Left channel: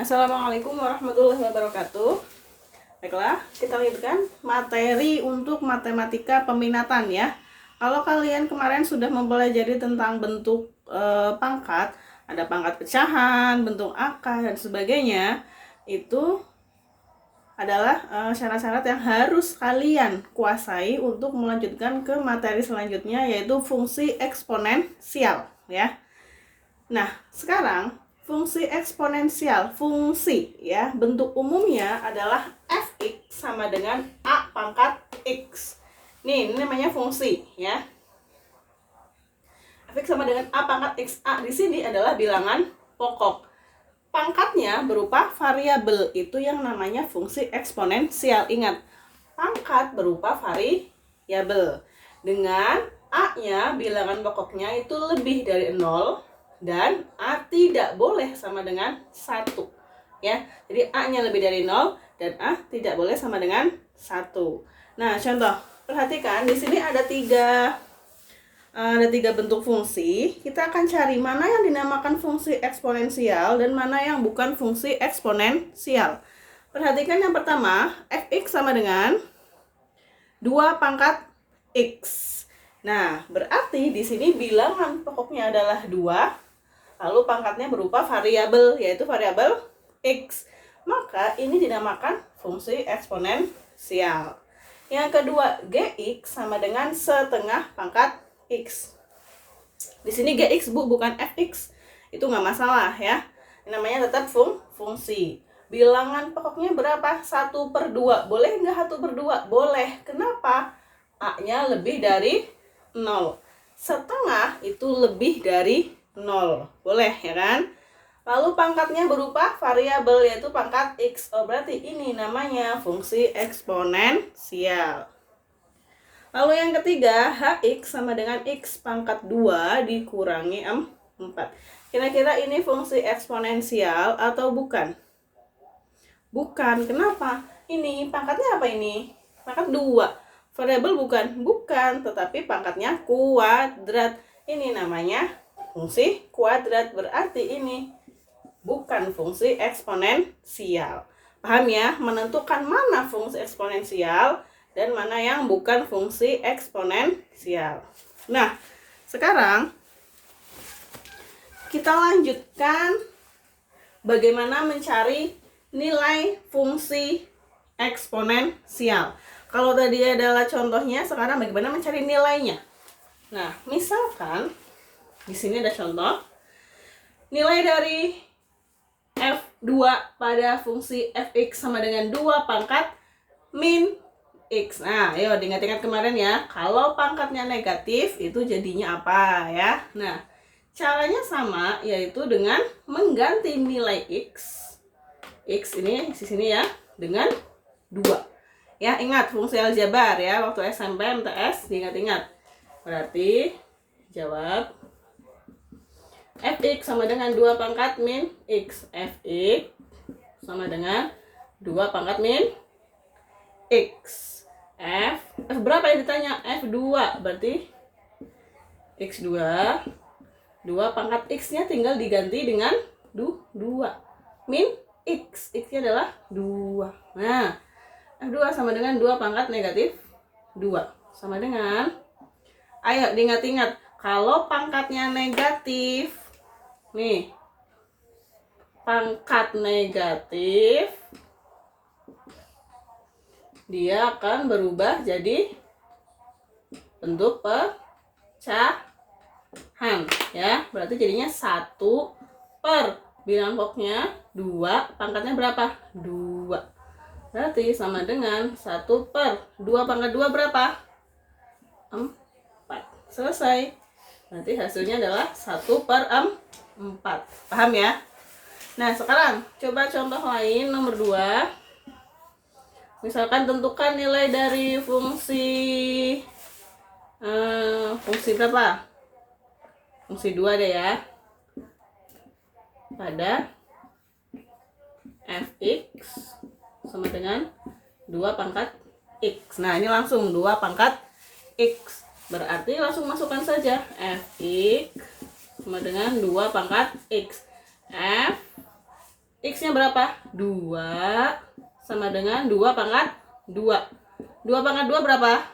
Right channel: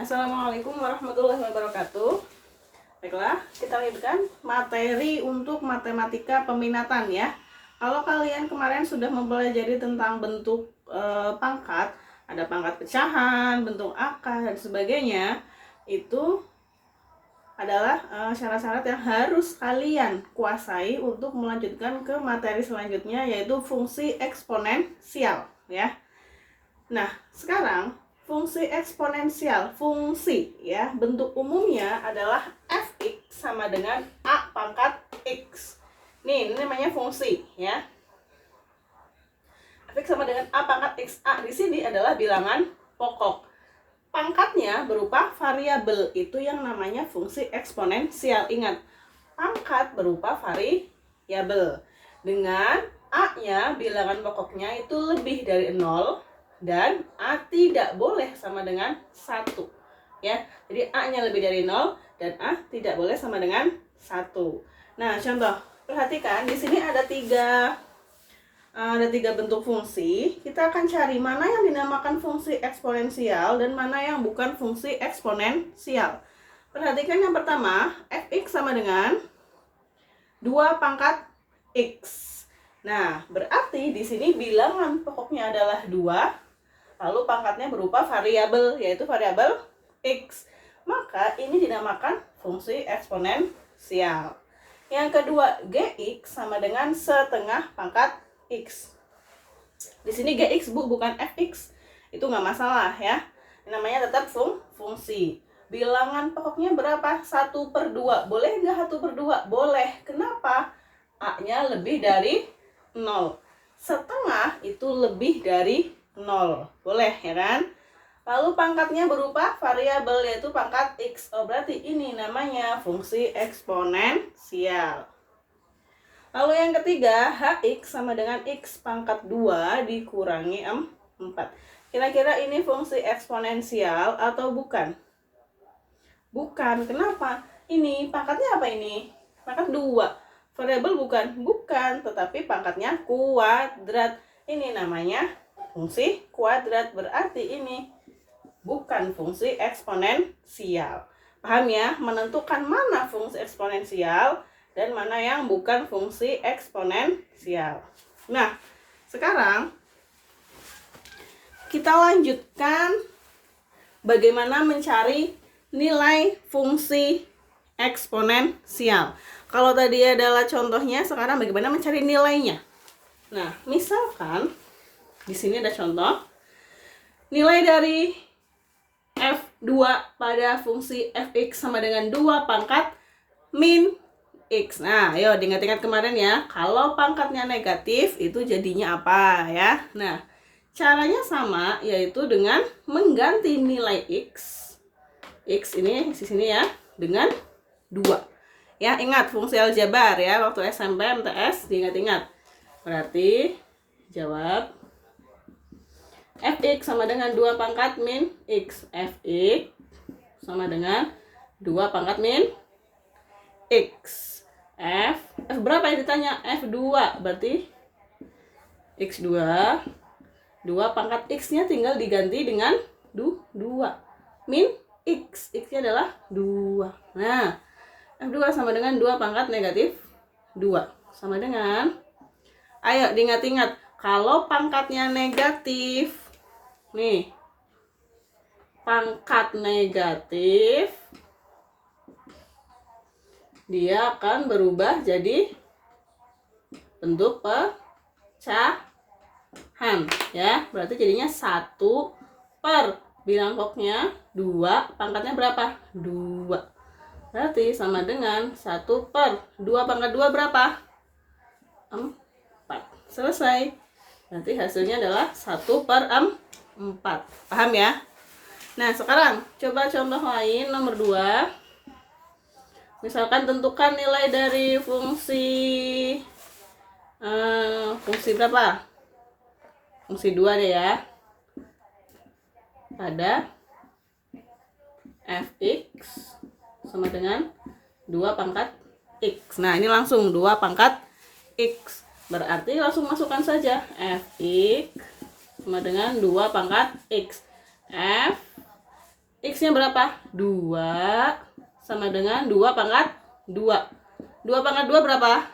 Assalamualaikum warahmatullahi wabarakatuh. Baiklah, kita lanjutkan materi untuk matematika peminatan ya. Kalau kalian kemarin sudah mempelajari tentang bentuk pangkat, ada pangkat pecahan, bentuk akar dan sebagainya, itu adalah syarat-syarat yang harus kalian kuasai untuk melanjutkan ke materi selanjutnya, yaitu fungsi eksponensial ya. Nah, sekarang fungsi eksponensial, fungsi ya, bentuk umumnya adalah fx sama dengan a pangkat x. Ini namanya fungsi ya. Fx sama dengan a pangkat x. A di sini adalah bilangan pokok. Pangkatnya berupa variabel, itu yang namanya fungsi eksponensial. Ingat, pangkat berupa variabel. Dengan a-nya bilangan pokoknya itu lebih dari 0 dan a tidak boleh sama dengan 1 ya. Jadi a-nya lebih dari 0 dan a tidak boleh sama dengan 1. Nah, contoh, perhatikan di sini ada tiga bentuk fungsi. Kita akan cari mana yang dinamakan fungsi eksponensial dan mana yang bukan fungsi eksponensial. Perhatikan yang pertama, fx sama dengan 2 pangkat x. Nah, berarti di sini bilangan pokoknya adalah 2, lalu pangkatnya berupa variabel, yaitu variabel x. Maka ini dinamakan fungsi eksponensial. Yang kedua, gx sama dengan setengah pangkat x. Di sini gx bukan fx, itu nggak masalah ya. Namanya tetap fungsi. Bilangan pokoknya berapa? 1/2. Boleh nggak 1/2? Boleh. Kenapa? A-nya lebih dari 0. Setengah itu lebih dari 0. Boleh ya kan? Lalu pangkatnya berupa variabel, yaitu pangkat x. Oh, berarti ini namanya fungsi eksponensial. Lalu yang ketiga, hx sama dengan x pangkat 2 dikurangi 4. Kira-kira ini fungsi eksponensial atau bukan? Bukan. Kenapa? Ini pangkatnya apa ini? Pangkat 2. Variabel bukan? Bukan, tetapi pangkatnya kuadrat. Ini namanya fungsi kuadrat, berarti ini bukan fungsi eksponensial. Paham ya? Menentukan mana fungsi eksponensial dan mana yang bukan fungsi eksponensial. Nah, sekarang kita lanjutkan bagaimana mencari nilai fungsi eksponensial. Kalau tadi adalah contohnya, sekarang bagaimana mencari nilainya. Nah, misalkan di sini ada contoh nilai dari f2 pada fungsi fx sama dengan 2 pangkat min x. Nah, ayo diingat-ingat kemarin ya, kalau pangkatnya negatif itu jadinya apa ya. Nah, caranya sama, yaitu dengan mengganti nilai x ini di sini ya dengan 2. Ya, ingat fungsi aljabar ya, waktu SMP MTS diingat-ingat. Berarti jawab fx sama dengan 2 pangkat min x. Fx sama dengan 2 pangkat min x. F berapa yang ditanya? F2, berarti x2. 2 pangkat x-nya tinggal diganti dengan 2 min x. X-nya adalah 2. Nah, F2 sama dengan 2 pangkat negatif 2. Sama dengan, ayo diingat-ingat, kalau pangkatnya negatif, nih, pangkat negatif, dia akan berubah jadi bentuk pecahan ya. Berarti jadinya 1 per bilangan pokoknya 2, pangkatnya berapa? 2. Berarti sama dengan 1 per 2 pangkat 2 berapa? 4. Selesai. Nanti hasilnya adalah 1 per 4. Paham ya? Nah, sekarang coba contoh lain nomor 2. Misalkan tentukan nilai dari fungsi berapa? Fungsi 2 deh ya. Pada fx sama dengan 2 pangkat x. Nah, ini langsung 2 pangkat x. Berarti langsung masukkan saja fx sama dengan 2 pangkat x. F x X-nya berapa? 2 sama dengan 2 pangkat 2. 2 pangkat 2 berapa?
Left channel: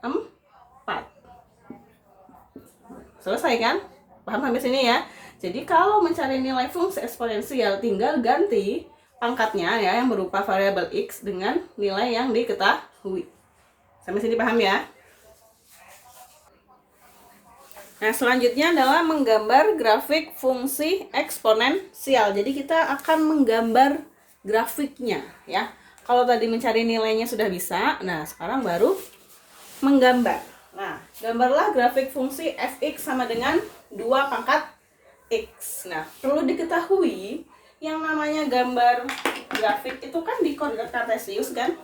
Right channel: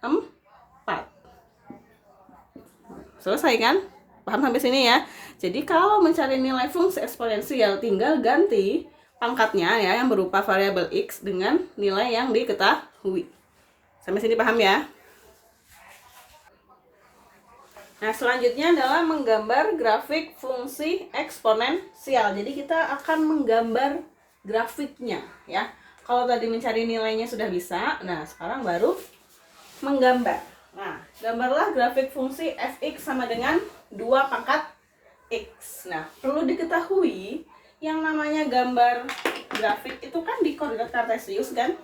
4. Selesai kan? Paham sampai sini ya? Jadi kalau mencari nilai fungsi eksponensial tinggal ganti pangkatnya ya yang berupa variabel X dengan nilai yang diketahui. Sampai sini paham ya? Nah, selanjutnya adalah menggambar grafik fungsi eksponensial. Jadi kita akan menggambar grafiknya ya. Kalau tadi mencari nilainya sudah bisa, nah sekarang baru menggambar. Nah, gambarlah grafik fungsi fx sama dengan 2 pangkat x. Nah, perlu diketahui yang namanya gambar grafik itu kan di koordinat kartesius kan?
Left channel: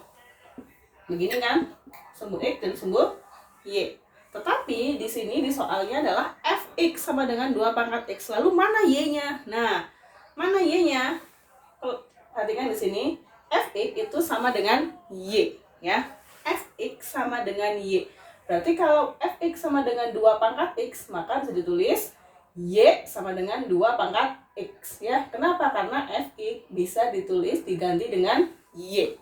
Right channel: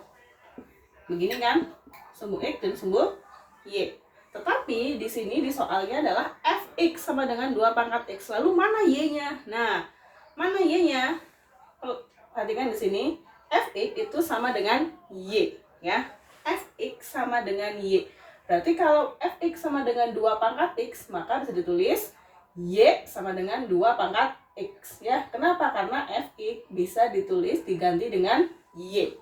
Begini kan? Sumbu x dan sumbu y. Tetapi di sini di soalnya adalah fx sama dengan 2 pangkat x. Lalu mana y-nya? Nah, mana y-nya? Perhatikan di sini, fx itu sama dengan y, ya. Fx sama dengan y. Berarti kalau fx sama dengan 2 pangkat x, maka bisa ditulis y sama dengan 2 pangkat x, ya. Kenapa? Karena fx bisa ditulis diganti dengan y.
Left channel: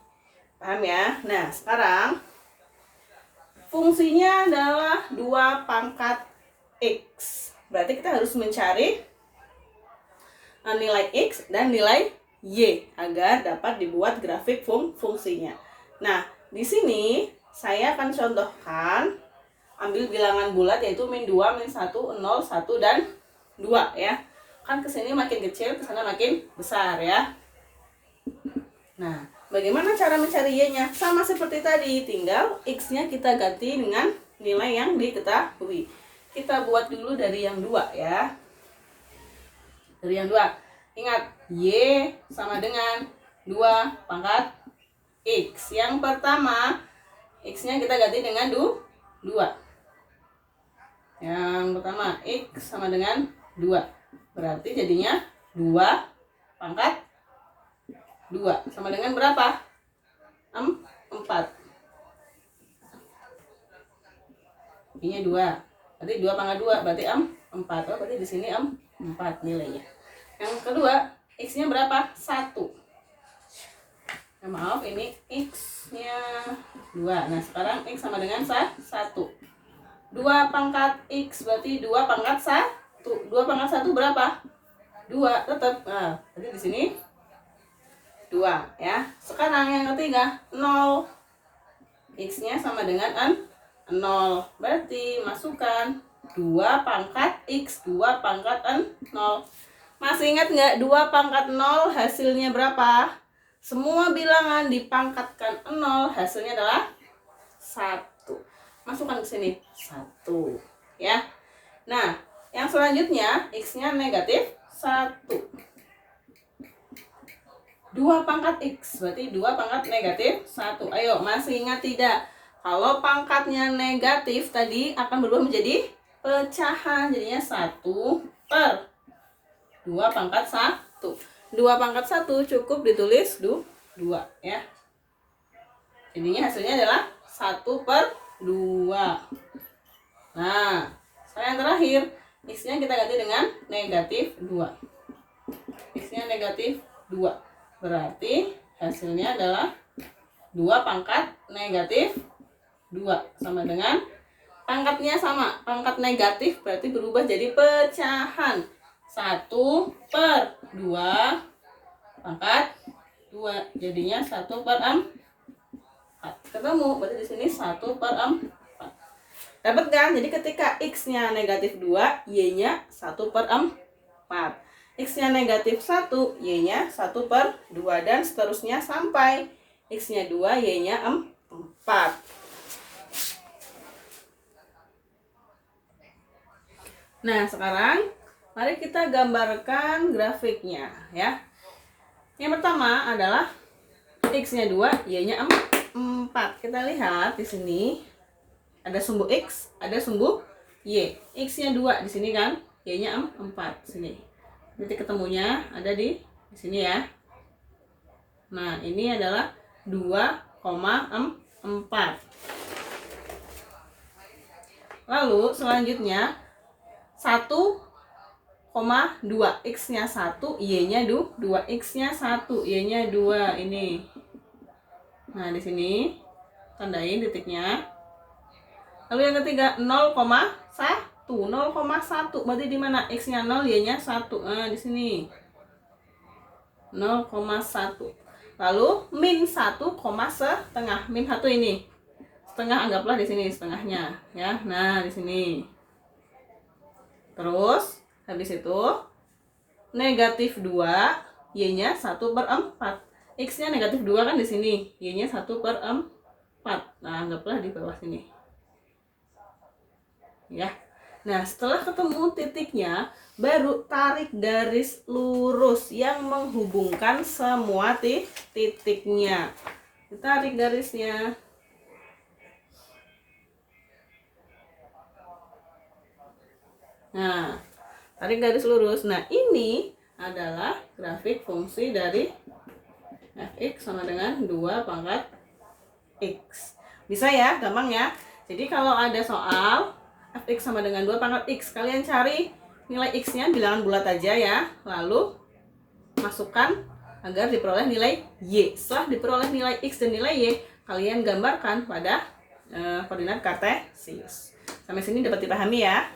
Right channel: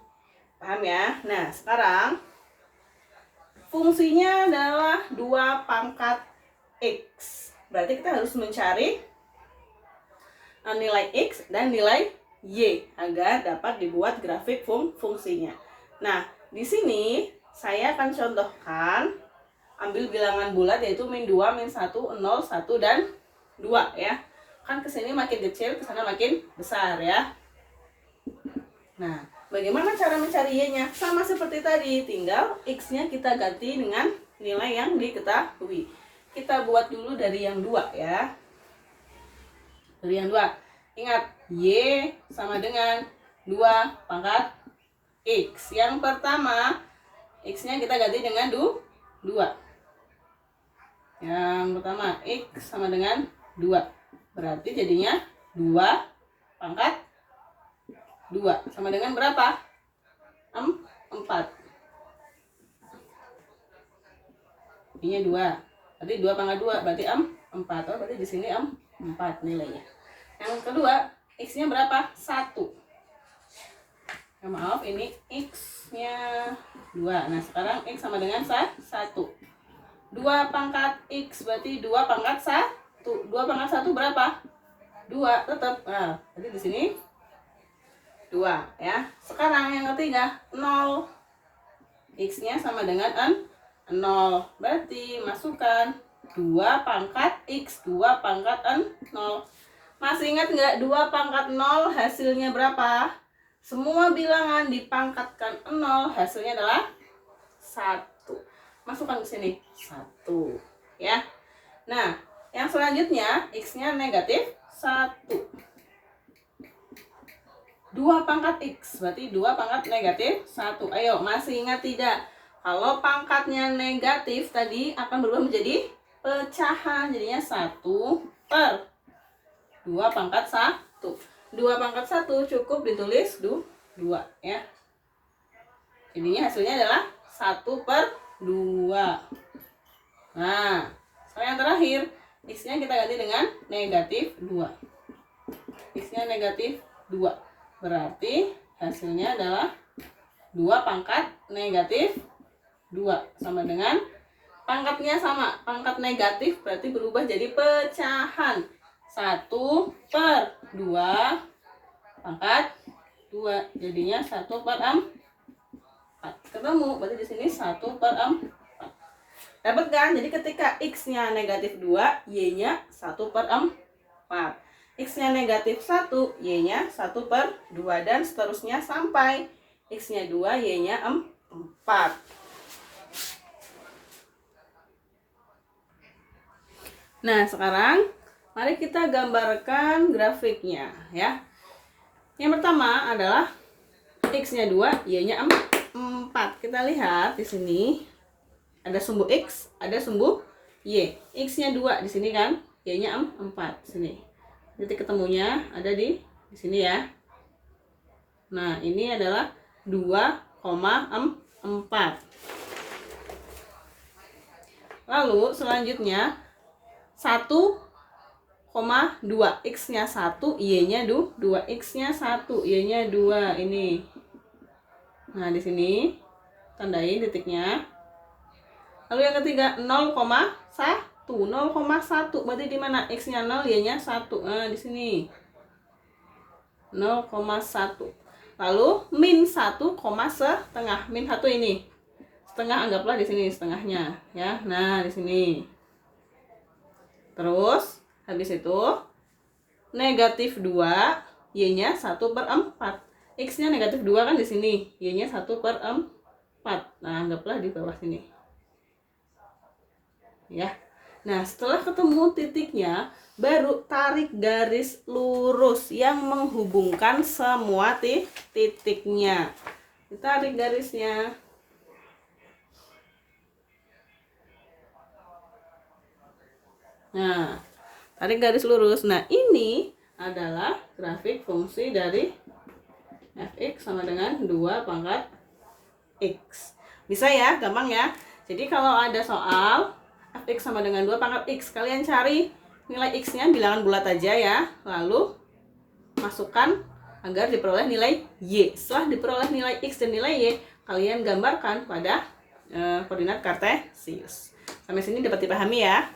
Paham ya? Nah, sekarang fungsinya adalah 2 pangkat x. Berarti kita harus mencari nilai x dan nilai y agar dapat dibuat grafik fungsinya. Nah, di sini saya akan contohkan ambil bilangan bulat yaitu min 2, min 1, 0, 1, dan 2 ya. Kan kesini makin kecil, kesana makin besar ya. Nah, bagaimana cara mencari y-nya? Sama seperti tadi, tinggal x-nya kita ganti dengan nilai yang diketahui. Kita buat dulu dari yang 2 ya. Dari yang 2. Ingat, y sama dengan 2 pangkat x. Yang pertama, x-nya kita ganti dengan 2. Yang pertama, x sama dengan 2. Berarti jadinya 2 pangkat 2 sama dengan berapa? 4. Ini 2. Berarti 2 pangkat 2 berarti 4. Oh, berarti di sini 4 nilainya. Yang kedua, x-nya berapa? 1. Nah, maaf, ini x-nya 2. Nah, sekarang x sama dengan 1. 2 pangkat x berarti 2 pangkat 1. 2 pangkat 1 berapa? 2 tetap. Nah, berarti di sini 2 ya. Sekarang yang ketiga 0. X-nya sama dengan 0. Berarti masukkan 2 pangkat x, 2 pangkat 0. Masih ingat nggak 2 pangkat 0 hasilnya berapa? Semua bilangan dipangkatkan 0 hasilnya adalah 1. Masukkan ke sini 1 ya. Nah, yang selanjutnya x-nya negatif 1. 2 pangkat x berarti 2 pangkat negatif 1. Ayo, masih ingat tidak? Kalau pangkatnya negatif tadi akan berubah menjadi pecahan. Jadinya 1 per 2 pangkat 1. 2 pangkat 1 cukup ditulis 2 ya. Jadinya hasilnya adalah 1 per 2. Nah, sekarang yang terakhir, x-nya kita ganti dengan negatif 2. X-nya negatif 2. Berarti hasilnya adalah 2 pangkat negatif 2 sama dengan pangkatnya sama. Pangkat negatif berarti berubah jadi pecahan. 1 per 2 pangkat 2. Jadinya 1 per 4. Ketemu, berarti di sini 1 per 4. Dapat kan? Jadi ketika x-nya negatif 2, y-nya 1 per 4. X-nya negatif 1, y-nya 1 per 2. Dan seterusnya sampai x-nya 2, y-nya 4. Nah, sekarang mari kita gambarkan grafiknya ya. Yang pertama adalah x-nya 2, y-nya 4. Kita lihat di sini ada sumbu x, ada sumbu y. X-nya 2 di sini kan, y-nya 4 sini. Titik ketemunya ada di sini ya. Nah, ini adalah 2,4. Lalu selanjutnya 1,4 2, X-nya 1, Y-nya 2, X-nya 1, Y-nya 2, ini. Nah, di sini tandain titiknya. Lalu yang ketiga 0,1, 0,1 berarti di mana? X-nya 0, Y-nya 1. Nah, di sini 0,1. Lalu min 1, setengah. Min 1 ini setengah, anggaplah di sini setengahnya ya. Nah, di sini. Terus habis itu negatif 2, Y-nya 1/4. X-nya negatif 2 kan di sini, Y-nya 1/4. Nah, anggaplah di bawah sini. Ya. Nah, setelah ketemu titiknya, baru tarik garis lurus yang menghubungkan semua titiknya. Tarik garisnya. Nah, tarik garis lurus. Nah, ini adalah grafik fungsi dari fx sama dengan 2 pangkat x. Bisa ya, gampang ya. Jadi kalau ada soal fx sama dengan 2 pangkat x, kalian cari nilai x-nya bilangan bulat aja ya. Lalu masukkan agar diperoleh nilai y. Setelah diperoleh nilai x dan nilai y, kalian gambarkan pada koordinat kartesius. Sampai sini dapat dipahami ya.